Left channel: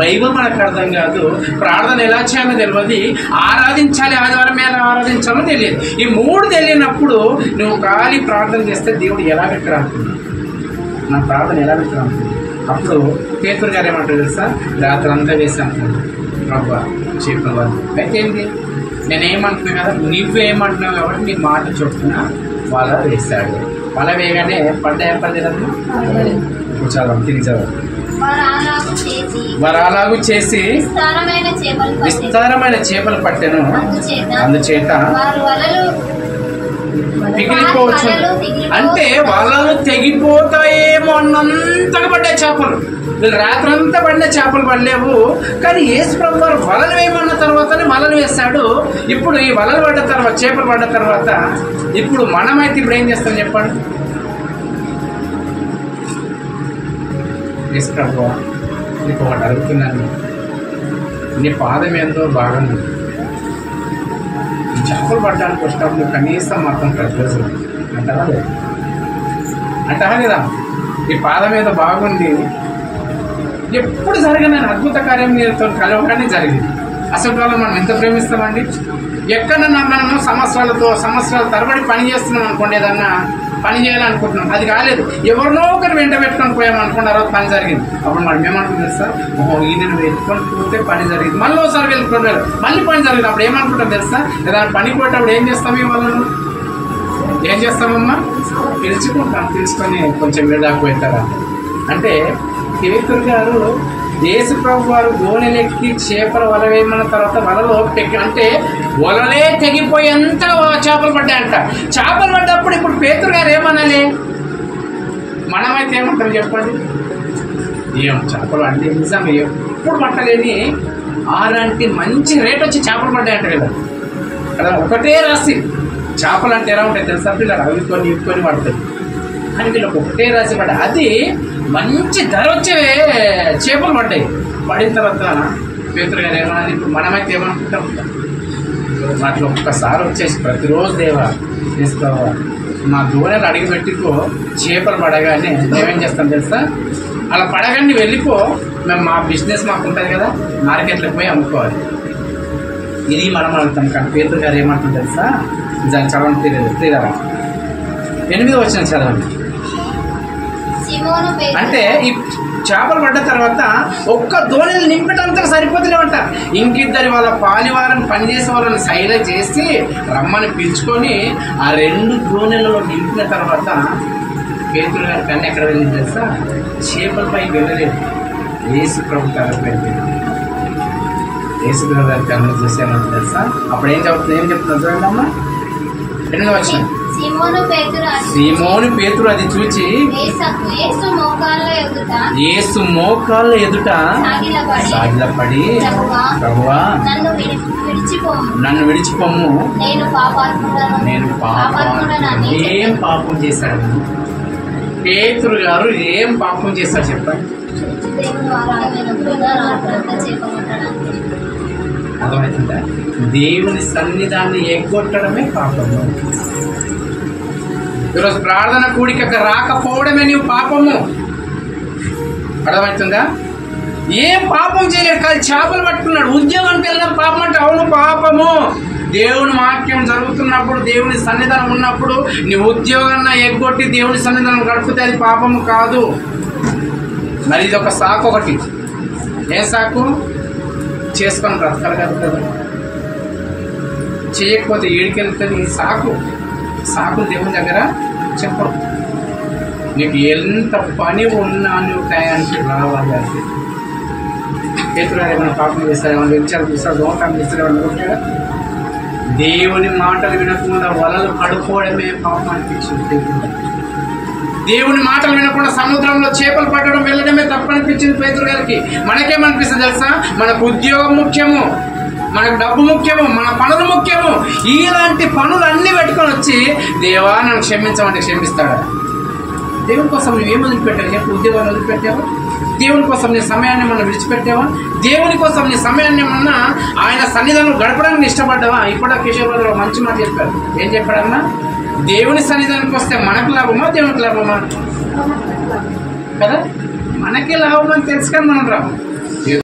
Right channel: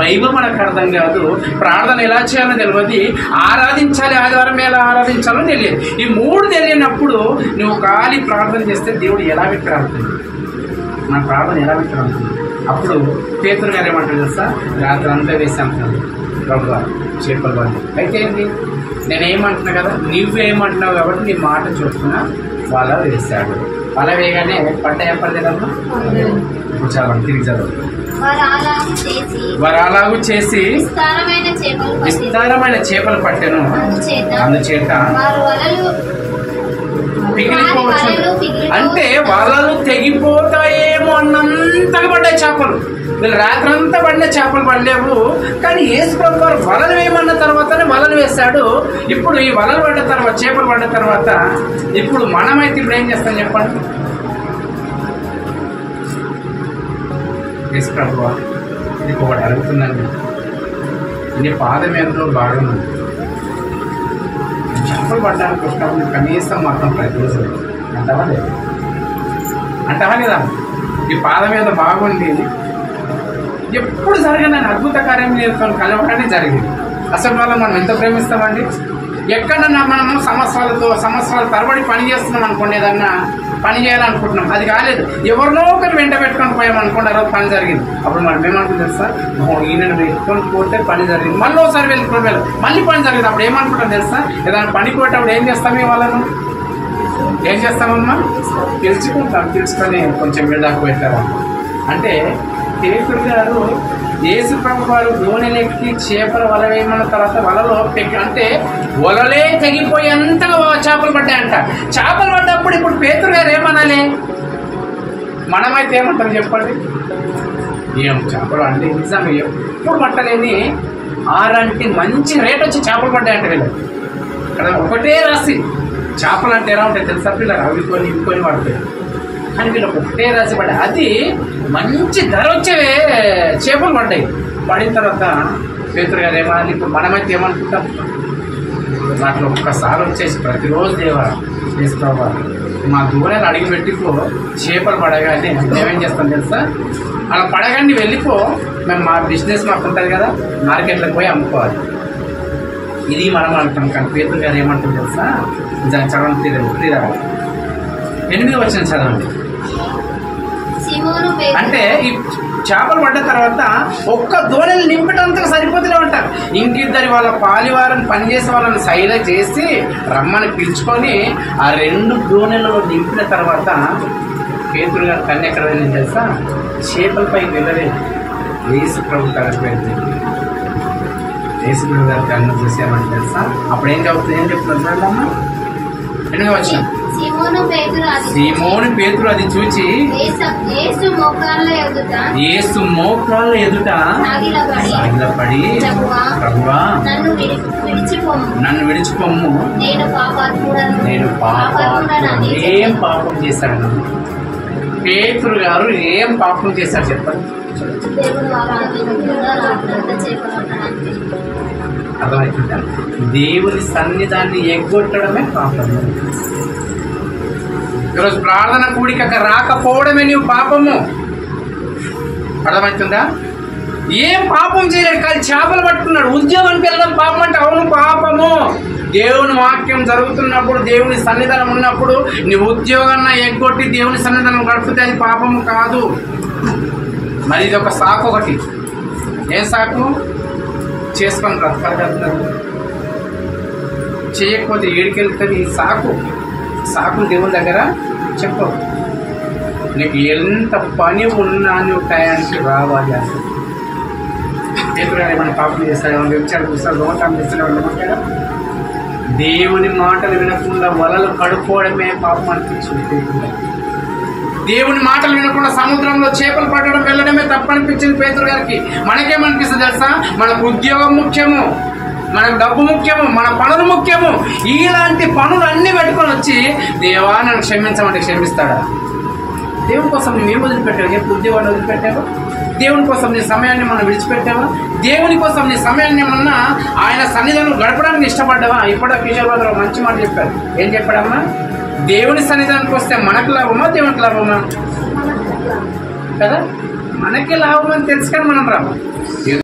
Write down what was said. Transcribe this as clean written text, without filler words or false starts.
Bible మనకు అర్థం కాదు, ప్రార్థన ఎలా చేయాలో తెలియదు, ఆరాధించాలి ఆదివారం ఎలా ఆరాధించాలో తెలియదు. ఈ మూడు తెలియనప్పుడు నువ్వు ఖాళీ ప్రార్థన చేస్తే దేవుడు ఎలా విక్రాంతుంది, మన ప్రార్థన ఎలా విక్రాంతుంది? అప్పుడు పేతురు గారు ఏమంటారు తెలుసా, రాత్రి అంతా వేసాను ప్రభువా చేపలు వాళ్ళు. అయితే ఏంటి, నేనేమంటున్నా కదా, నువ్వేమంటున్నావు కాబట్టి నీ మాట చొప్పున వల వేశాడు. వల వేయగానే పడ్డాయా పడలేదమ్మా? ఇప్పుడు చదవండి, తిరిగి చదవండి. వారు అలాగూ చేసి విస్తారమైన చేపలు పట్టెను, అందుచేత పిగిలిపోవచ్చు. అంటే వలలు తెగిపోతాయేమో అన్నంతగా పడ్డాయి చేపలు. వీళ్ళు రాత్రంతా పడిన చేపలు పడలేవు, కానీ యేసు ప్రభు వారు వలలు వేయమన్న తర్వాతనే వలలు వేశాడు. ఇప్పుడు ఈ వలలు పడ్డ తర్వాత, చేపలు పడ్డ తర్వాత ఇప్పుడు మనమైతే ఇప్పుడు ఏం చేస్తాం చెప్పండి? యేసు ప్రభు నీకు ఒకటి అడుగుతున్నాను, నీ పాదం ఏందో బాగుంది, చేపలు పడ్డానికి వచ్చినప్పుడు కనీసం మాత్రం ప్రతిరోజు అంటావా లేదు? అంటావా లేదా? ఈ పాదం మీద బాగుంది, ఎప్పుడు జరిగిన అద్భుత కార్యం నీతో కలవగానే జరిగింది. అసలు వాళ్ళు మనం ఎంత ప్రేమిస్తామండి? ఎక్కడన్నా మనము సంవత్సరాల తరబడి పని చేస్తున్నాం అనుకోండి, ఏదన్నా పని చేయాలనుకుంటున్నాం, అది కాలేదు, ఎవరినో ఒకరు వెంట పెట్టుకొని పోయాం అనుకోండి, ఆ రోజు పని జరిగింది. అప్పుడు మనం ఏమనుకుంటాం తెలుసా, ఈయనను వెతుకొని పోతే పని జరిగింది, మళ్ళీ ఒకసారి వెతుకొని వెళ్ళాం, మళ్ళీ పని జరిగింది. అప్పుడు ఏమనుకుంటాం తెలుసా, ఏదైనా పనికి పోయేటప్పుడు ఏం చేస్తాం, వాళ్ళను ఏం చేస్తామమ్మా? పిలుచుకుంటాం, పిలుచుకొని కొంచెం వేడాకు పెట్టారా అంటే. పేతురు గారు యేసు ప్రభు వారు గోనెలెక్కి చేపల వల వేయమన్న తర్వాత వలలో అంటే వలలే తెగిపోయేంతగా చేపలు పడ్డాయంట. చేపలు పడ్డప్పుడు ఇప్పుడు పేతురు గారు ఏమనాలి? మనమైతే ఏమంటాం చెప్పండి? ఏం చేపలు అంటే నిజమే, ఎప్పుడు పట్టలేని ఆరంటి మంచి రేట్ వచ్చి చేపలు పడ్డాయంట వీళ్ళకి. కదా ఒకటే రాసి చేపలు అంటే ఎలా ఉంటాయి తెలుసా పిల్లలు, అవి కొని పడతాయి, కానీ వీళ్ళకి ఒకటే రాసి పడ్డాయి. అది మంచి ధర వచ్చే చేపలు పడ్డాయి. పడిన తర్వాత పేతురు గారు ఏమనాలి? ఇప్పుడు మనమైతే ఏమనుకుంటాం? వాటిలో ఒక్కసారి వచ్చేసి ప్రతిరోజు దేవా చేసుకోవా మా దూరాలు అడిగి పెట్టుకో, చేపలు పడగానే మేమేం చేస్తాం తెలుసా, అలా పడగానే వెళ్ళిపో, మేము మా బిజినెస్ మాకు ఉంటుంది కదా, మార్కెట్లకు పోయి అమ్ముకోవాలి, ఇది మనం అడుగుతాం. కానీ పేతురు గారు ఏమంటాం తెలుసా, దాన్ని చదవండి, తీరాలి 8వ వచనం చదవండి. అంటే ఈ చేపలు పడ్డ తర్వాత ఒక్క దోణిని నింపటంతగా సరిపోతులేమంట. ఇంకిద్దరి వాళ్ళ పాలివారని పనిచేసే వాళ్ళని సైల చేసి రమ్మని పిలుచుకొని ఆ 2 దోణిలలో నింపిన తర్వాత పేతురు గారి కన్ను ఎక్కడ వెళ్ళింది తెలుసా? చేపలపైకి వెళ్ళలేదు, యేసు ప్రభు కనిపోయింది. యేసు ప్రభు గారి కన్ను చూసామని తెలుసా? అప్పుడు ఏం చెప్తున్నా చూడండి, 8వ వచనం. సీమోను పేతురు అది చూచి యేసు మోకాళ్ళ ఎదుట సాగిలపడి, ప్రభువా నన్ను విడిచిపోమ్ము, నేను పాపాత్ముడను. ఏం పాపం చేశాడు పేతురు గారు? ఏం పాపం చేశాడు చెప్పండి? అర్థమవుతుందా? దేవుని సన్నిధాన్ని ఎగ్గొట్టడమే పాపము. ఈరోజు ప్రార్థన కూడికకు రాకపోవడమే నీవు పాపము. అర్థమవుతుందా? ఏం పాపం చేయలేడు, కానీ చేపలు పట్టుకున్నాడు. ఉద్యోగానికి వెళ్ళడం పాపం అంటే అవును పాపము. దేవుని వాక్యం జరుగుతున్నప్పుడు, దేవుని సన్నిధానం ఉన్నప్పుడు నీ ఉద్యోగాన్ని ఎగ్గొట్టి దేవుని సన్నిధానం గడిపితే అది పాపము కాదు. మరి ఇది ఒక సాకు. ఒకటి ఏం సాకు? చేసుకొని బ్రతకాలి కదా, చేయకపోతే ఏడికెళ్తుంది సాకు. సాకులు దేవుని దగ్గర చెప్పవు. నీకు ఎంత పని ఉన్నా నువ్వు టయానికి రావాలి. అంటే పేతురు గారు ఏమైనా పాపం చేస్తారు, ఏమైనా వ్యభిచారం చూస్తారు, దోమకారం చేస్తారు, ఏమైనా కొట్టాడా? దేవుని మాటలు వినకుండా వలలు కడుక్కోవడమే పాపం అనిపించింది పేతురు గారు. దేవుని మాటలు వినకుండా సముద్రంలో చేపలు పట్టడం వెళ్ళడమే తప్పనిపించింది పేతురు గారికి. మనకేమనిపిస్తుంది తెలుసా? మనకు ఉద్యోగం ముఖ్యము, మనకు డబ్బు ముఖ్యము, మన పనులు ముఖ్యము. ఇలాంటి పనులు అన్ని పెట్టుకొని వచ్చి దేవా నన్ను క్షమించమంటే క్షమిస్తాడా? దేవుని కోసం నువ్వేం వదిలిపెట్టావు చెప్పు? ఉద్యోగాన్ని వదిలిపెట్టావా? దేవుని కోసం నీ సమయాన్ని మనం విడిచిపెట్టావా? దేవుని కోసం నీ సమయాన్ని ఏమన్నా ఆయన సన్నిధానం గడపడానికి ఇష్టపడ్డావా? ఇప్పుడు కిషోర్ బాబు మంచి మాట చెప్పారు. ఏం చెప్పాడమ్మా? దేవుని సన్నిధానానికి వస్తే మనకు లాభమా దేవునికి లాభమా? కదా, మనకి లాభం అని తెలుసు కానీ మనం రాము.